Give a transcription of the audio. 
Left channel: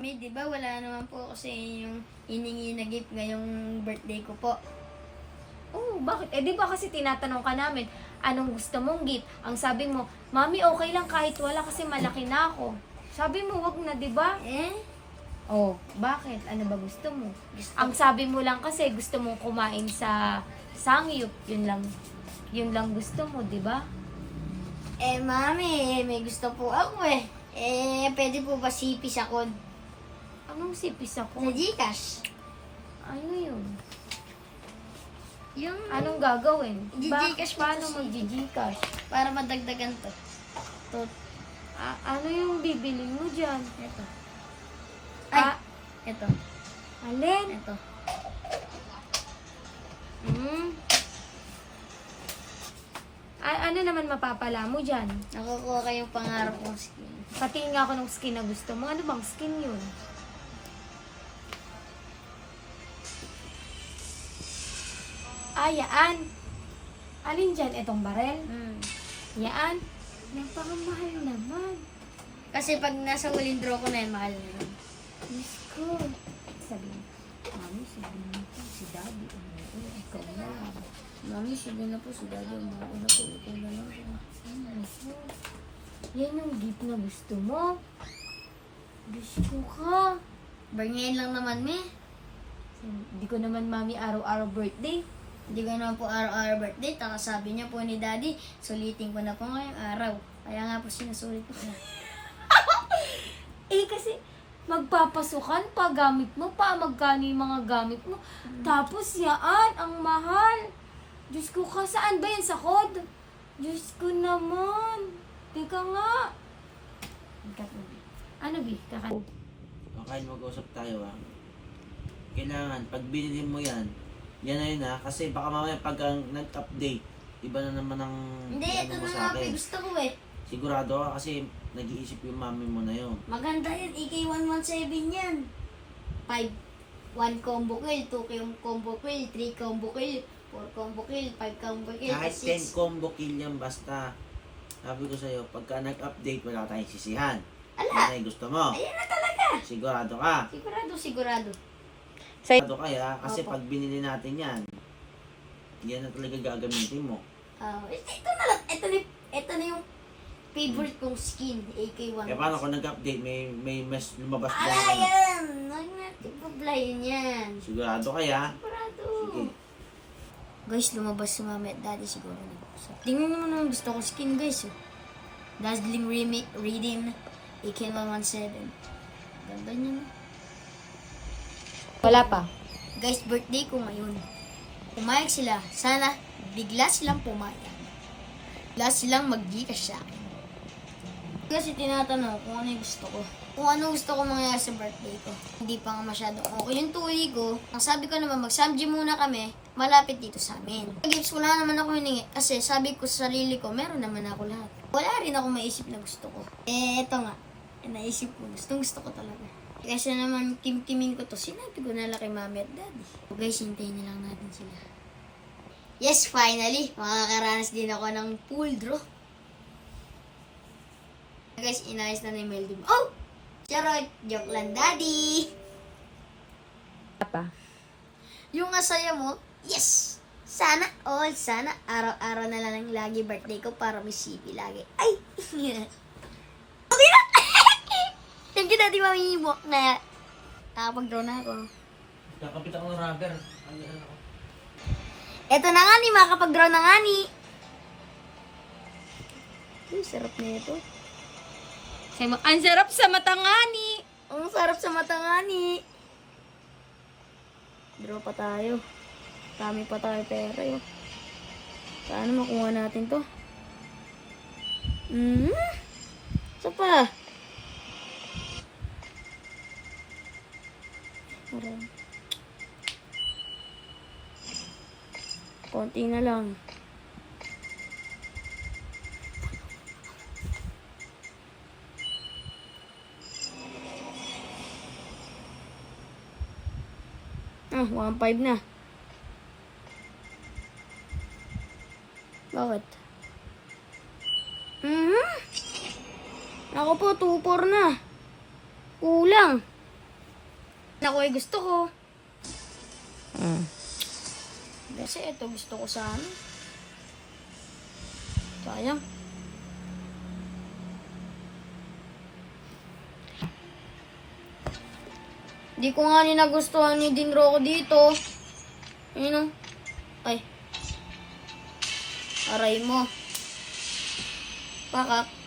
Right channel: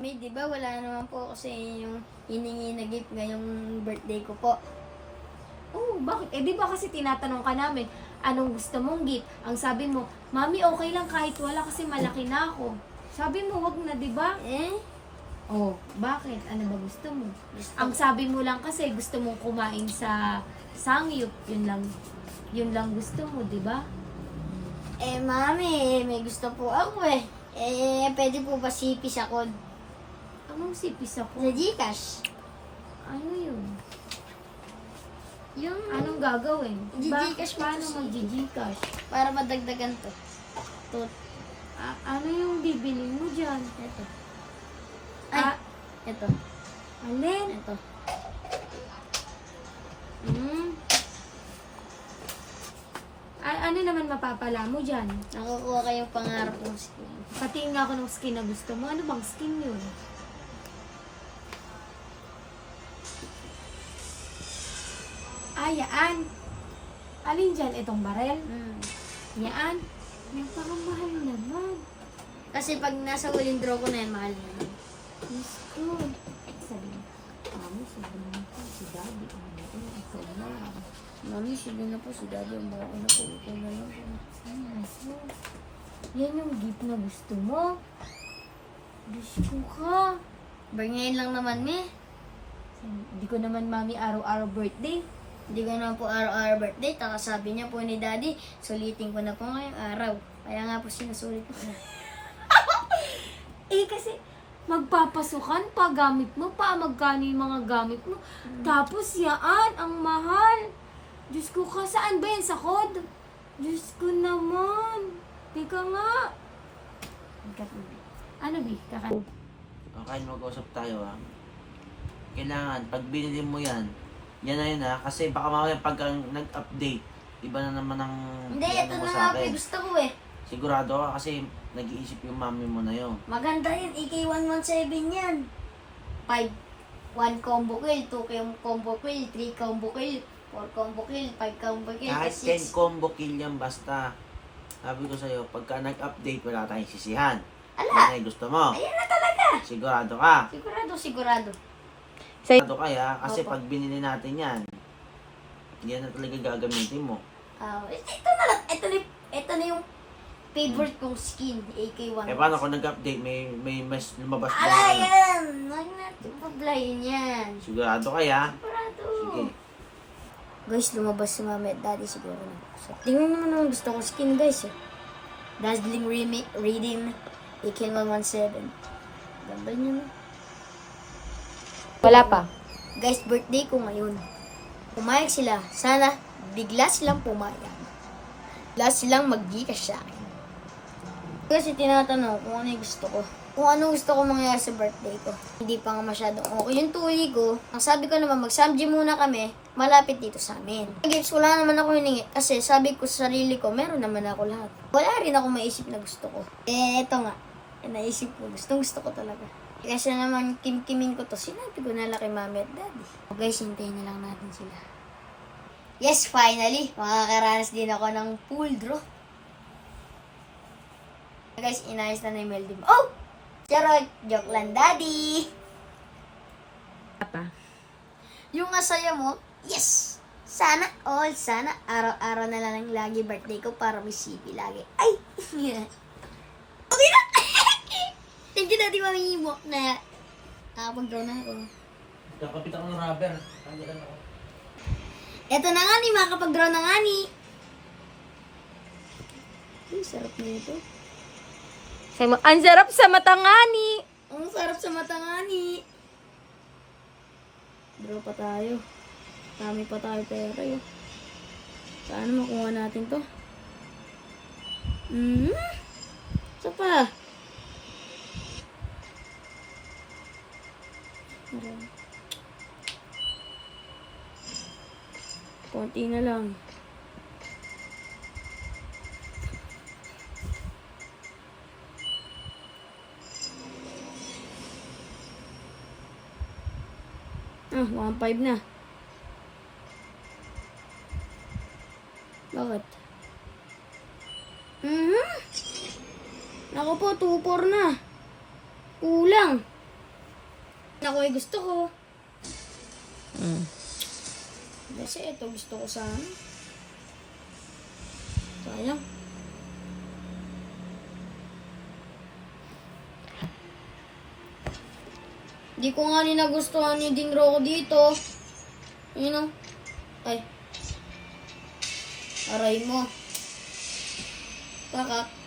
May, di ba wala naman po kasi yung hiningi na gift ngayong birthday ko po. Oh, bakit? Eh, di ba kasi tinatanong ka namin, anong gusto mong gift? Ang sabi mo, Mami, okay lang kahit wala kasi malaki na ako. Sabi mo, wag na, di ba? Oh, bakit? Ano ba gusto mo? Ang sabi mo lang kasi, gusto mong kumain sa sangyup. Yun lang gusto mo, di ba? Mami, may gusto po ako eh. Pwede po ba sipis ako Anong sipis sa ako? Gcash? Ano yun? Yung Anong gagawin? Gcash mo Paano kasi. mag-Gcash? para madagdagan to. Ano yung bibilin mo dyan? Ito. Ah, Ito. alin? Ito. Ano naman mapapala mo dyan? Nakukuha kayong pangarap kong skin. Patingin nga ako ng skin na gusto mo. Ano bang skin yun? Yaan. Alin dyan? Itong barel? Yaan. Yan parang mahal naman. Kasi pag nasa huling draw ko na yan, mahal na yun. Diyos ko. Sabi mo, Mami, sabi mo po, si Daddy. Ikaw na lang. Mami, sige na po. Si Daddy, umuha na po. Ito na lang po. Yan yung gift na gusto mo. Diyos ko ka. Ngayon lang naman, me. Hindi ko naman, Mami, araw-araw birthday. Hindi ko naman po araw-araw birthday. Taka sabi niya po ni Daddy, sulitin ko na po ngayong araw. Kaya nga po sinusulit ko na. Kasi magpapasukan pa, gamit mo pa, magkano yung mga gamit mo. Tapos yaan, ang mahal. Diyos ko ka, saan ba yan? Sa kod? Diyos ko naman. Teka nga. Ano, Bi? Kakan? Okay, mag-usap tayo ha. Kailangan, pag binili mo yan, yan na yun ha. Kasi baka mamaya pag nag-update, iba na naman ang Hindi, ito mo na sa nga po. akin. Gusto ko eh. Sigurado ka kasi nag-iisip yung mami mo na yun. Maganda yun. EK117 yan. 5. 1 combo kill, 2 combo kill, 3 combo kill, 4 combo kill, 5 combo kill, Kahit 6. 10 combo kill yan, basta sabi ko sa'yo, pagka nag-update, wala tayong sisihan. Ala! Yan ay gusto mo. Ayan na talaga. Sigurado ka. Sigurado. Sigurado kaya, kasi Opo. pag binili natin yan, yan na talaga gagamitin mo. Ito na lang. Ito na yung favorite kong skin, AK1. Eh paano kung nag-update, may mas lumabas na Ala, yun? yan! Huwag natin pablayin yan. Sigurado kaya? Sigurado. Sige. Guys, lumabas si Mami at Daddy siguro. So, tingnan naman ang gusto kong skin, guys. Dazzling Redeem AK117. Ganda niya, no? Wala pa. Guys, birthday ko ngayon. Pumayag sila. Sana bigla silang pumayag. Bigla silang mag-Gcash sa akin. Kasi tinatanong kung ano yung gusto ko. Kung anong gusto ko mangyari sa birthday ko. Hindi pa nga masyadong okay yung tuloy ko. Ang sabi ko naman, mag-samji muna kami. Malapit dito sa amin. Gifts, wala naman ako hiningi. Kasi sabi ko sa sarili ko, meron naman ako lahat. Wala rin ako maisip na gusto ko. Ito nga. Naisip ko. Gusto ko talaga. Kasi naman, kim-kimin ko to. Sinabi ko na lang kay Mami at Daddy. Okay, hintayin na lang natin sila. Yes, finally. Makakaranas din ako ng pool draw. Guys, inayos na ni Meldim. Oh! Charot! Joke lang, Daddy! Pa. Yung asaya mo, yes! Sana all, sana araw-araw na lang lagi birthday ko para may CP lagi. Ay! Okay na! Thank you, Daddy, Mami, mo na nakapag-draw na ako. Nakapit ako ng rubber. Eto na nga ni, makapag-draw na nga ni. Sarap na ito. Ang sarap sa mata nga ni. Ang sarap sa mata nga ni. Draw pa tayo. Dami pa tayo pera eh. Paano makuha natin to? Isa pa. Marami. Konti na lang. Ah, 1.5 na. Bakit? Ako po, 2.4 na. Kulang. ako ay gusto ko. Kasi ito gusto ko sana. Sayang. Di ko nga rin nagustuhan ni Din Rocco dito. Ayun o. Ay. Aray mo. Pakak.